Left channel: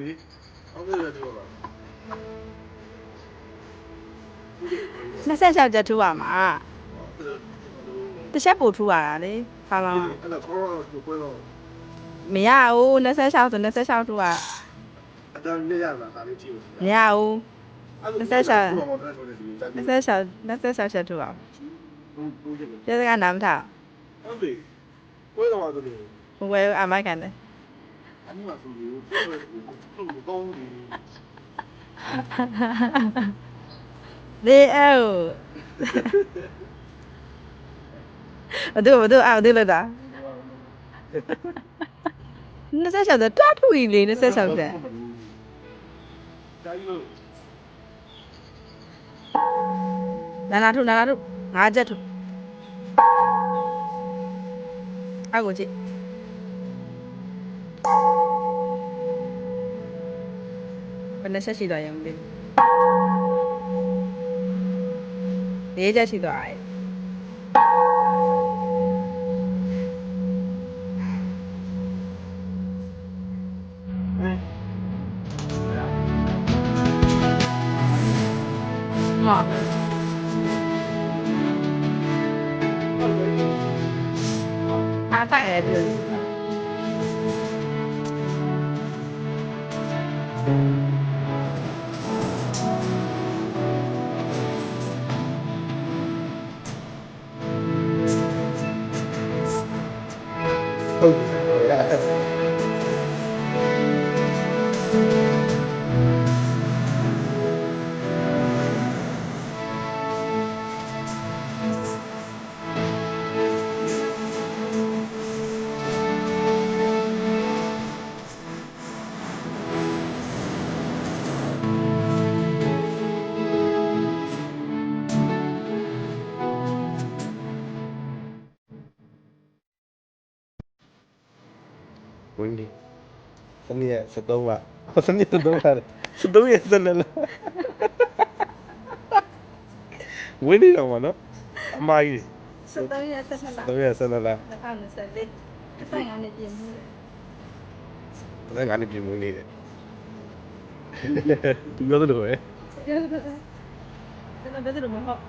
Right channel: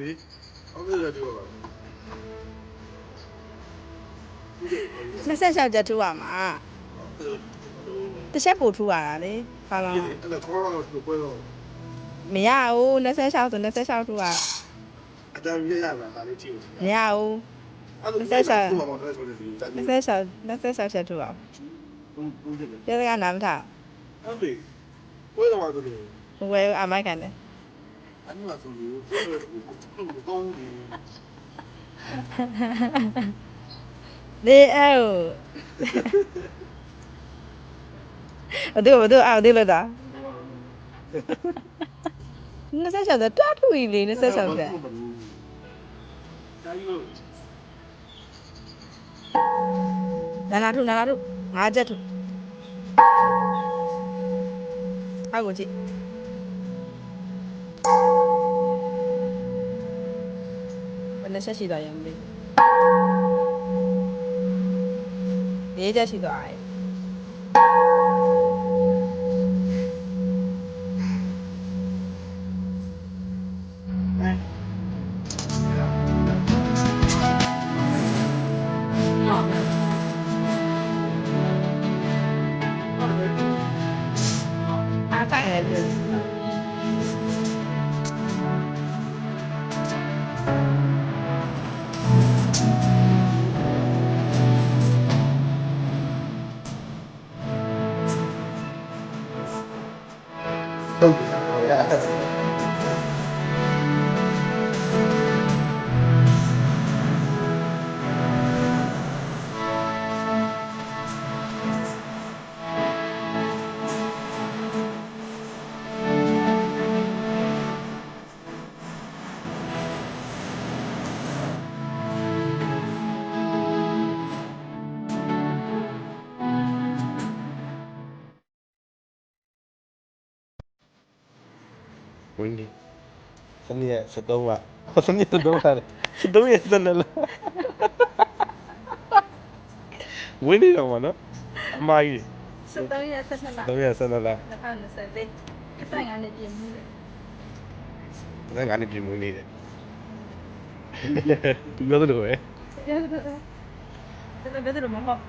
လို့လေအောက်ရတဲ့ပြောပါ26ကျထူပါမှာတစ်ချက်ပို့ထူရတာလေဘာလို့အဲ့ဒါခေါ်တော့ပွဲတော့မရဘူး26ဆို26ထူရအတန်းရရလာဒါလေးကြည့်လို့ မရဘူး26ချက်ထူအောင်ကျေစကနာမထား ဟုတ်ပြီပွဲတော့ဆိုလို့ ဝယ်အမိုက်ခံတယ် အဲ့မှာဆိုလို့ကောင်းပြီ လေအော်ဘဒူအော်ဒီလို့တာ26ဆိုတွားထူကြီးလေ26ချက်ဒါကြီးလို့ နာထူ5ချက်ထူအောက်ကိုကြည့်ဘယ်နှချက်ရှိသွားရင်လေ4ချက်ရှိသွားတယ်အားတိုက်ရတယ်ဟုတ်ပြီဟုတ်ရဝင်းဒီစနေရက်73ပါစနေရက်73ပါ73ရက်စနေလားဝင်းဒီတော့မနော်အမကြီး73ရက်ဆက်လာ3ရက်စနေလား202425နှစ်ပြည့်မှုလေ ငါနဲ့ပြင်မွေးနေတယ်သူပြောသလိုပဲဘယ်လိုမဟုတ်